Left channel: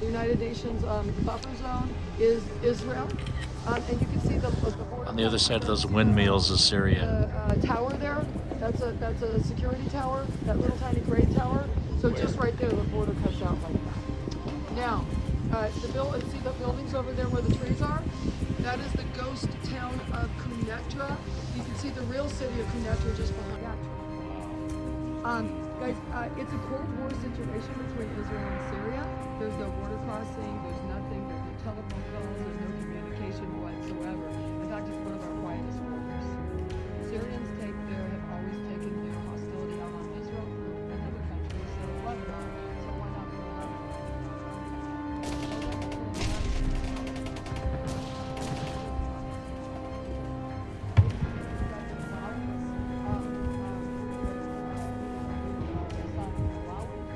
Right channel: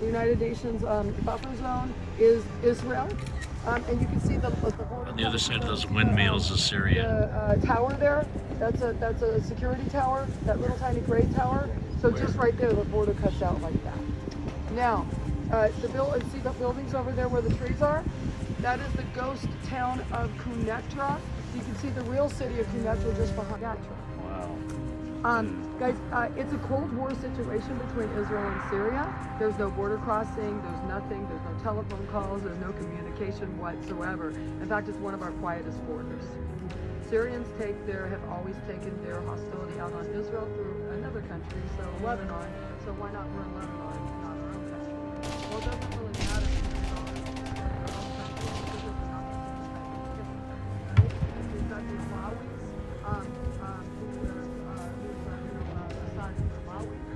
The United Nations buffer zone is Israel, and you can see on the other side of those windmills is Syria. Tower there. That's a security tower. That little tiny gray tower. So just right there, the border cuts out like that. Now, see the buildings over there where the trees are? That is the ghost town of Quneitra. You can see the real city of Quneitra just behind that tree. Guys, it's a Cold War situation between Israel and Syria. There's no border crossing, there's nothing, there's no telephone calls, there's no communication whatsoever. In fact, it's one of our quietest borders. Syrians have always taken their hostility out on Israel through another country, so Lebanon. So why not run Lebanon and not our own country? Well, that doesn't really matter to Israel. Their own country. We've got the Malawi's,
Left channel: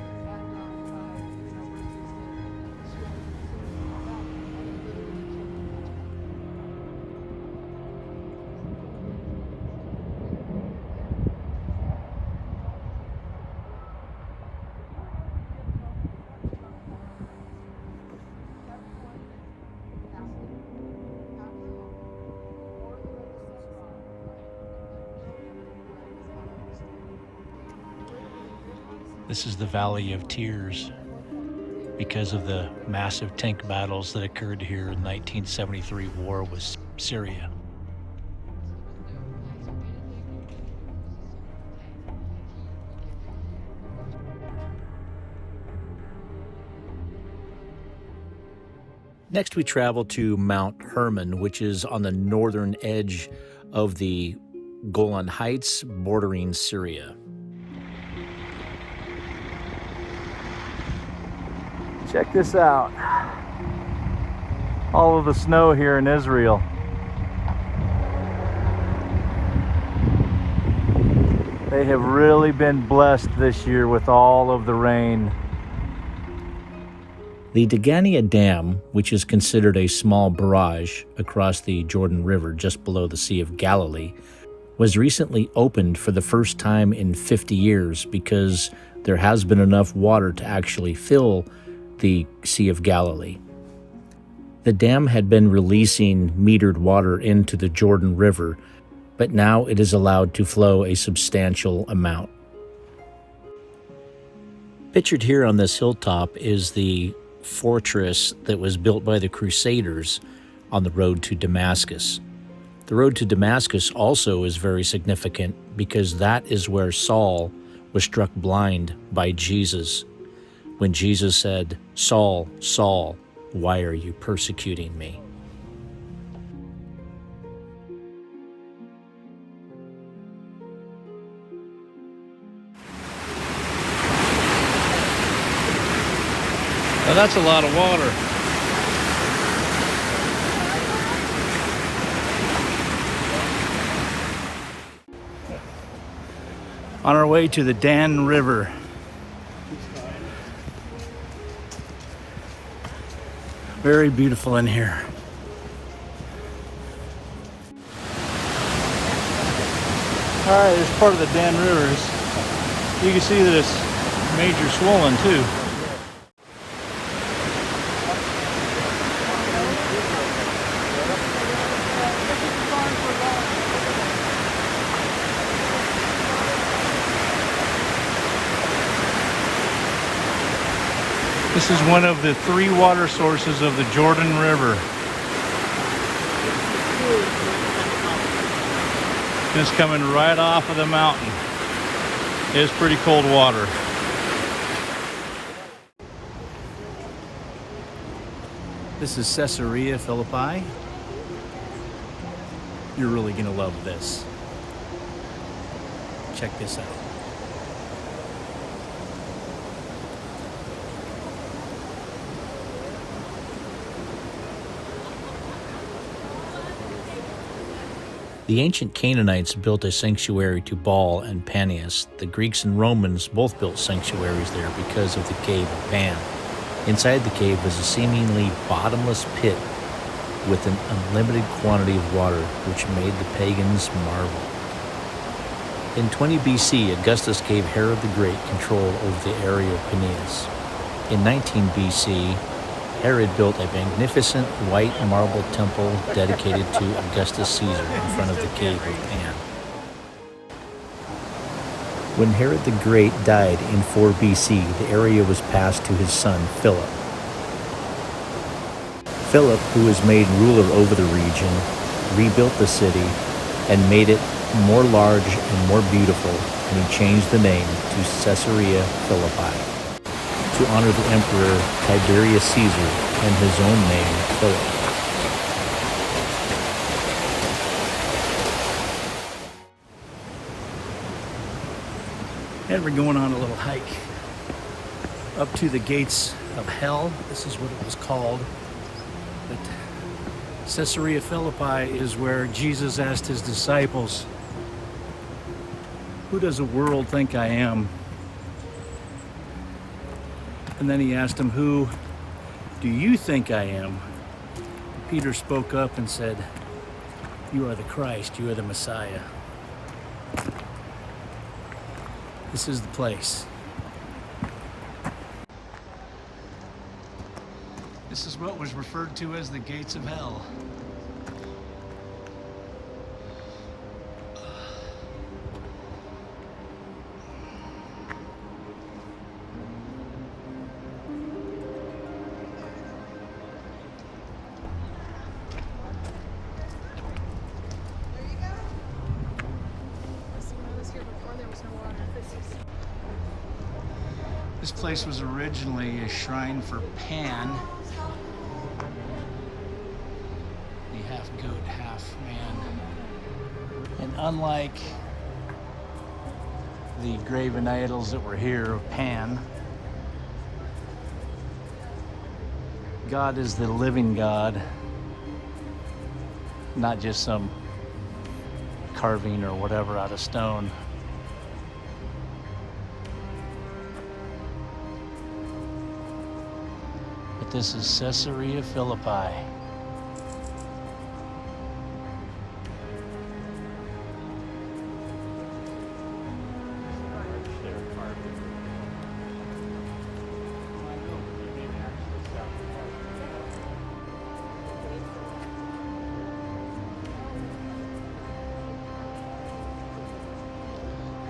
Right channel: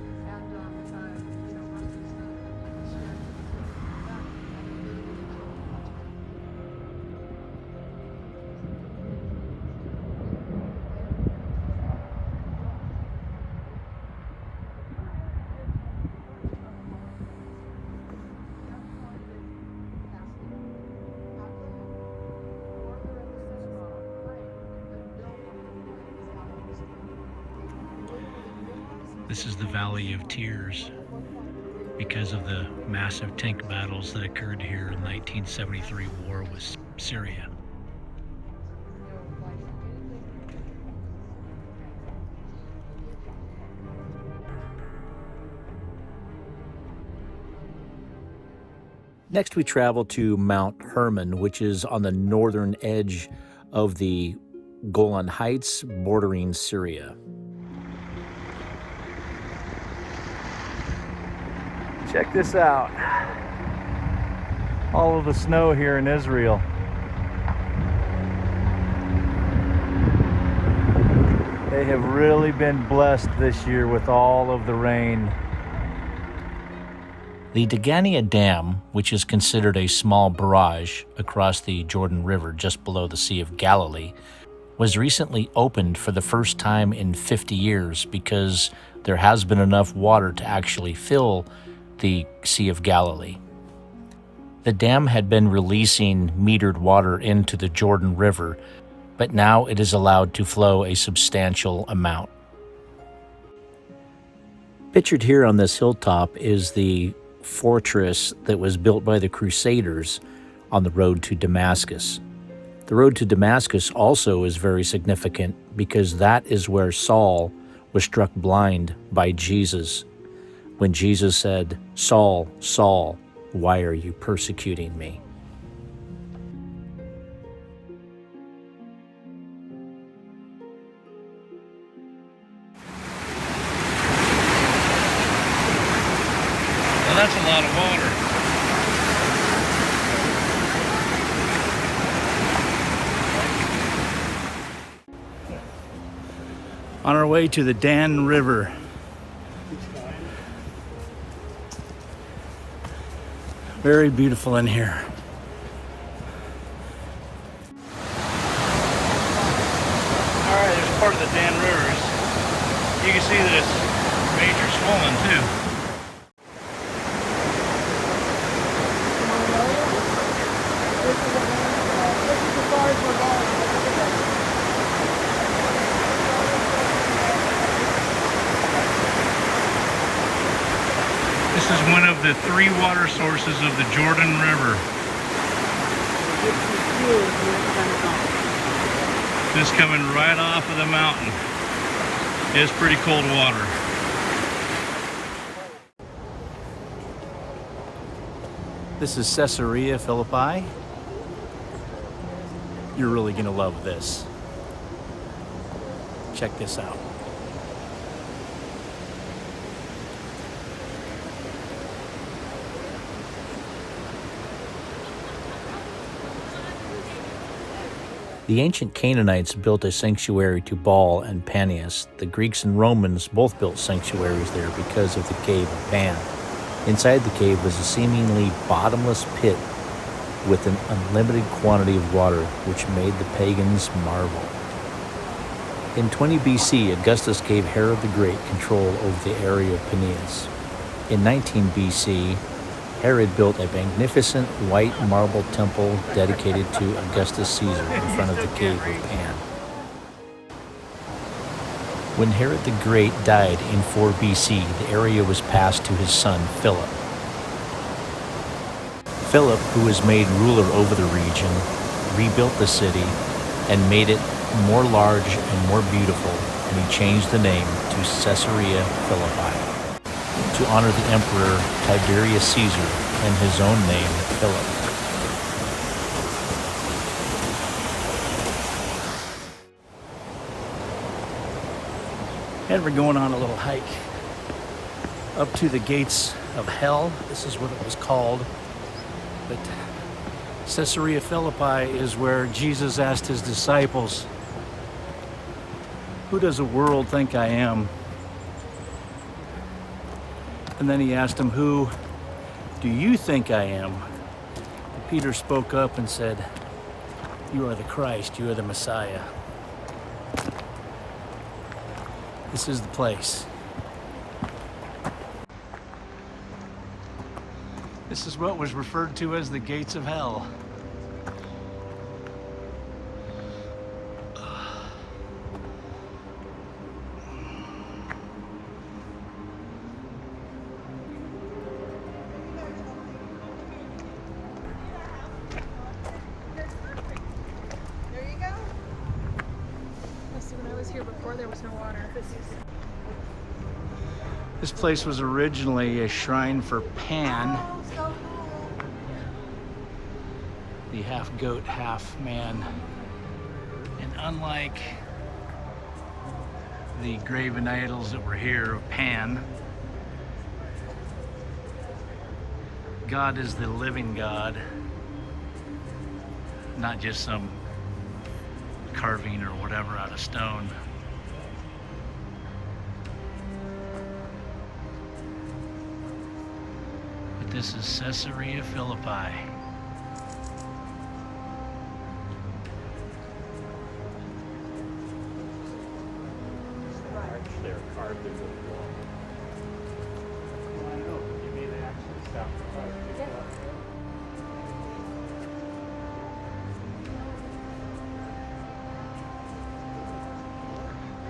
This is the Valley of Tears because of the massive tank battles that occurred here in the 1973 war with Syria. Next, we travel to Mount Hermon, which is on the northern edge of the Golan Heights, bordering Syria. Check this out. All of the snow here in Israel. They have really been blessed this year with all of the rain. The Degania Dam, which is considered a small barrage across the Jordan River just below the Sea of Galilee, was recently opened for the first time in 50 years because there has been enough water to actually fill the Sea of Galilee. The dam had been releasing metered water into the Jordan River, but now it is allowed to flow a substantial amount. Pictured here on this hilltop is the fortress that was built by the Crusaders on the road to Damascus. The road to Damascus also is very significant because that is where Saul was struck blind by Jesus when Jesus said, "Saul, Saul, why are you persecuting me?" Well, that's a lot of water. On our way to the Dan River. Very beautiful in here. All right, it's part of the Dan River. You can see that it's major swollen too. This is one of the 3 water sources of the Jordan River. It's coming right off of the mountain. It's pretty cold water. This is Caesarea Philippi. You're really gonna love this. Check this out. The ancient Canaanites built a sanctuary to Baal and Panias. The Greeks and Romans both built sanctuaries there because of the cave of Pan. Inside the cave was a seemingly bottomless pit with an unlimited quantity of water, which made the pagans marvel. In 20 BC, Augustus gave Herod the Great control over the area of Panias. In 19 BC, Herod built a magnificent white marble temple dedicated to Augustus Caesar in front of the cave of Pan. When Herod the Great died in 4 BC, the area was passed to his son Philip. Philip, who was made ruler over the region, rebuilt the city and made it more large and more beautiful, and he changed the name to Caesarea Philippi to honor the emperor Tiberius Caesar and his own name, Philip. And we're going on a little hike up to the gates of hell. This is what it was called. But Caesarea Philippi is where Jesus asked his disciples, "Who does the world think I am?" And then he asked them, "Who do you think I am?" And Peter spoke up and said, "You are the Christ, you are the Messiah." This is the place. This is what was referred to as the gates of hell. This place was originally a shrine for Pan, the half goat, half man. And unlike the graven idols that were here of Pan, God is the living God, not just some carving or whatever out of stone. But this is Caesarea Philippi.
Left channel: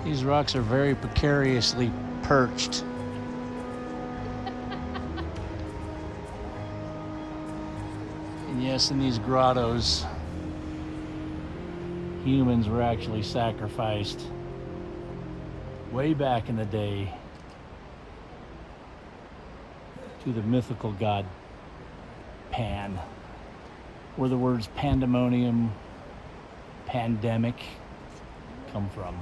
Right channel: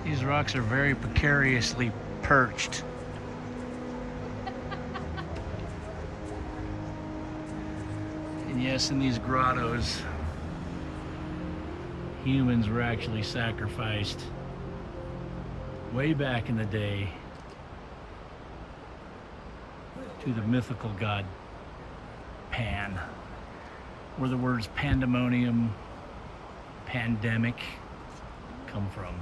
These rocks are very precariously perched. And yes, in these grottos, humans were actually sacrificed way back in the day to the mythical god Pan, where the words pandemonium, pandemic come from.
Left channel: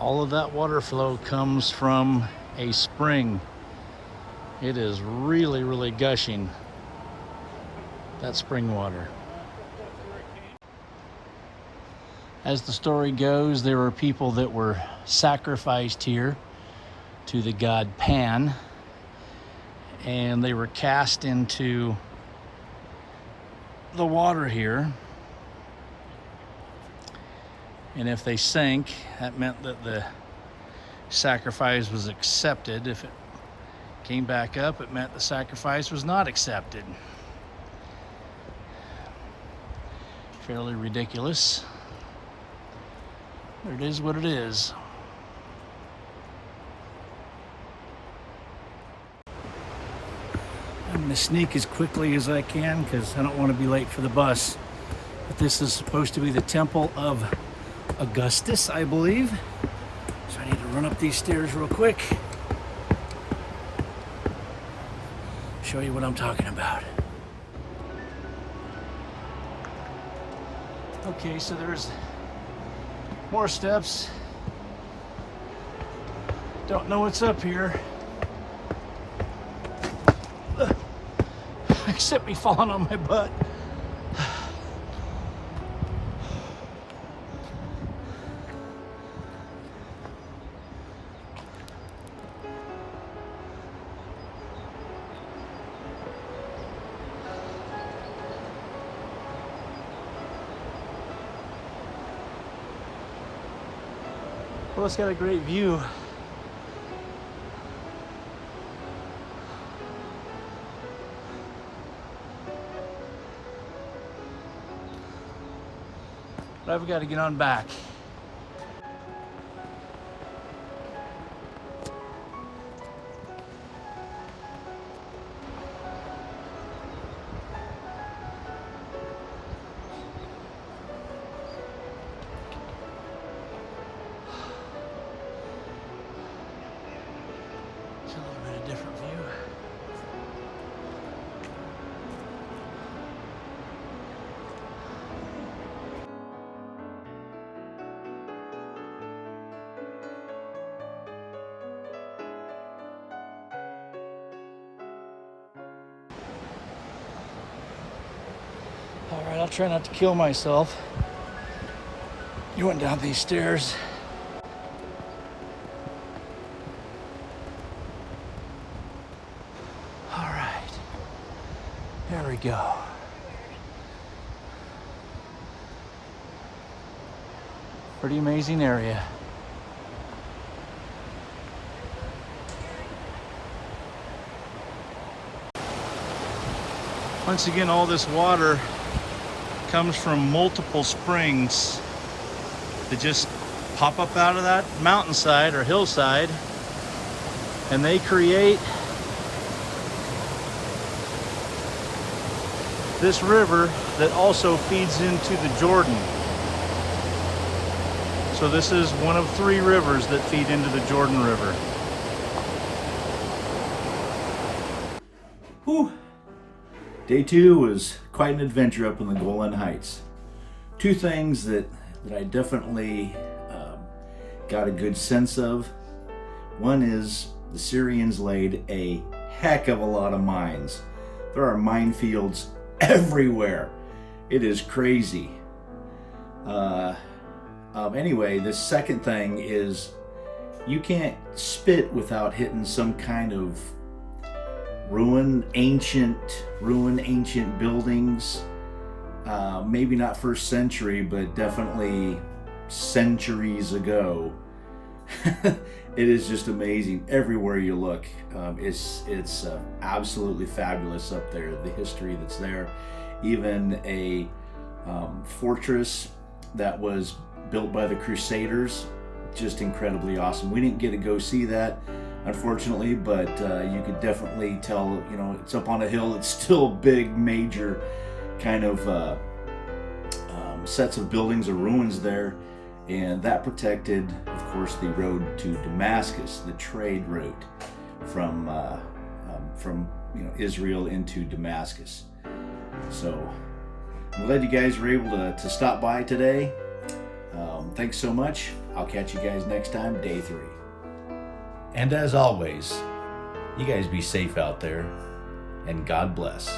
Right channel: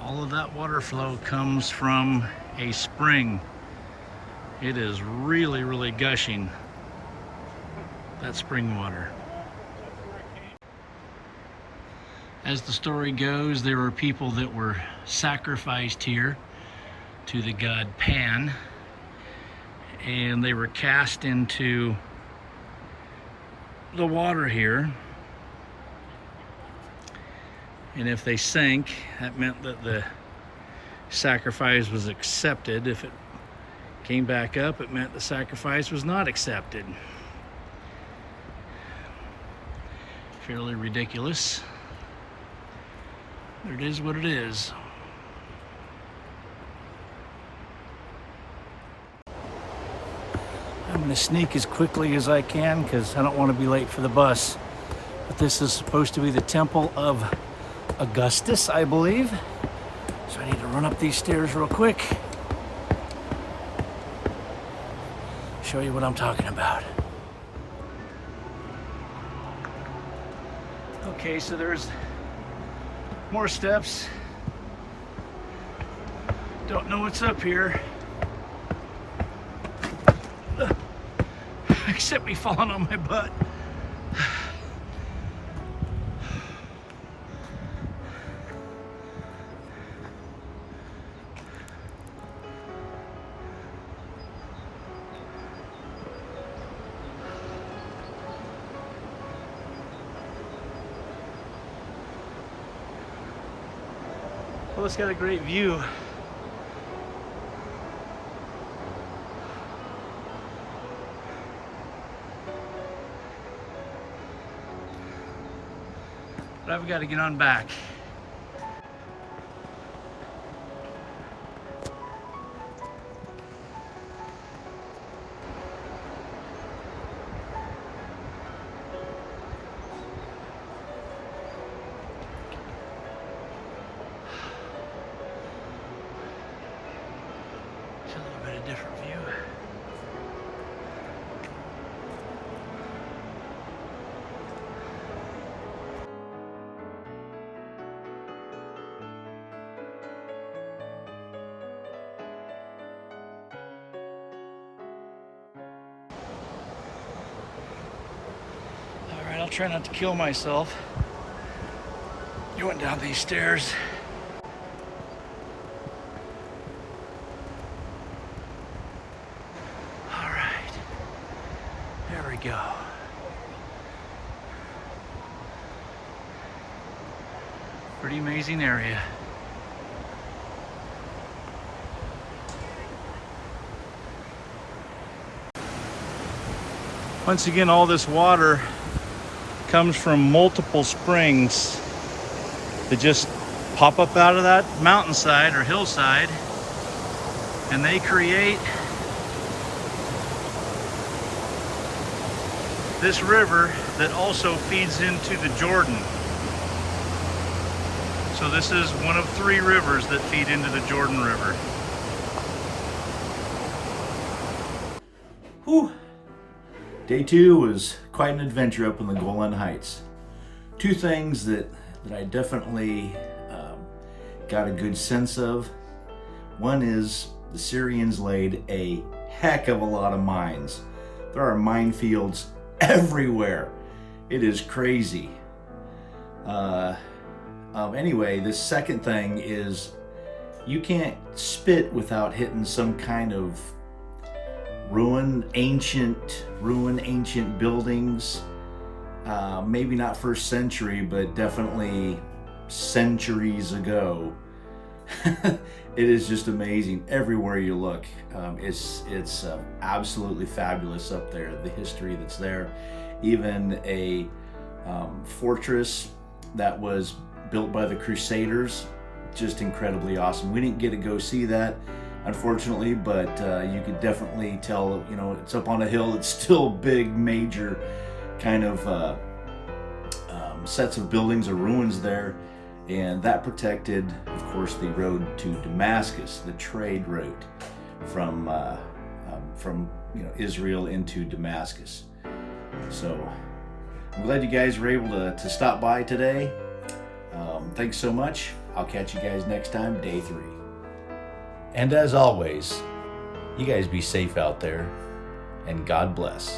All of that water flow comes from a spring. It is really, really gushing, that spring water. As the story goes, there were people that were sacrificed here to the god Pan, and they were cast into the water here. And if they sank, that meant that the sacrifice was accepted. If it came back up, it meant the sacrifice was not accepted. Fairly ridiculous. It is what it is. I'm gonna sneak as quickly as I can because I don't want to be late for the bus. But this is supposed to be the Temple of Augustus, I believe. So I need to run up these stairs real quick. Show you what I'm talking about. Okay, so there's more steps. Don't know what's up here. Except me falling on my butt. Well, it's got a great view. But I've got to get on back. It's a little bit of different view. All right, I'll try not to kill myself. You went down these stairs. All right, there we go. Pretty amazing area. Once again, all this water comes from multiple springs that just pop up out of that mountainside or hillside, and they create this river that also feeds into the Jordan. So this is one of 3 rivers that feed into the Jordan River. Whew. Day 2 was quite an adventure up in the Golan Heights. 2 things that I definitely got a good sense of. One is the Syrians laid a heck of a lot of mines. There are minefields everywhere. It is crazy. Anyway, the second thing is you can't spit without hitting some kind of ancient buildings. Maybe not first century, but definitely centuries ago. It is just amazing everywhere you look. It's absolutely fabulous up there, the history that's there. Even a fortress that was built by the Crusaders, just incredibly awesome. We didn't get to go see that, unfortunately, but you could definitely tell, you know, it's up on a hill. It's still big, major kind of sets of buildings or ruins there, and that protected, of course, the road to Damascus, the trade route from Israel into Damascus. So I'm glad you guys were able to stop by today. Thanks so much. I'll catch you guys next time, day 3. And as always, you guys be safe out there, and God bless.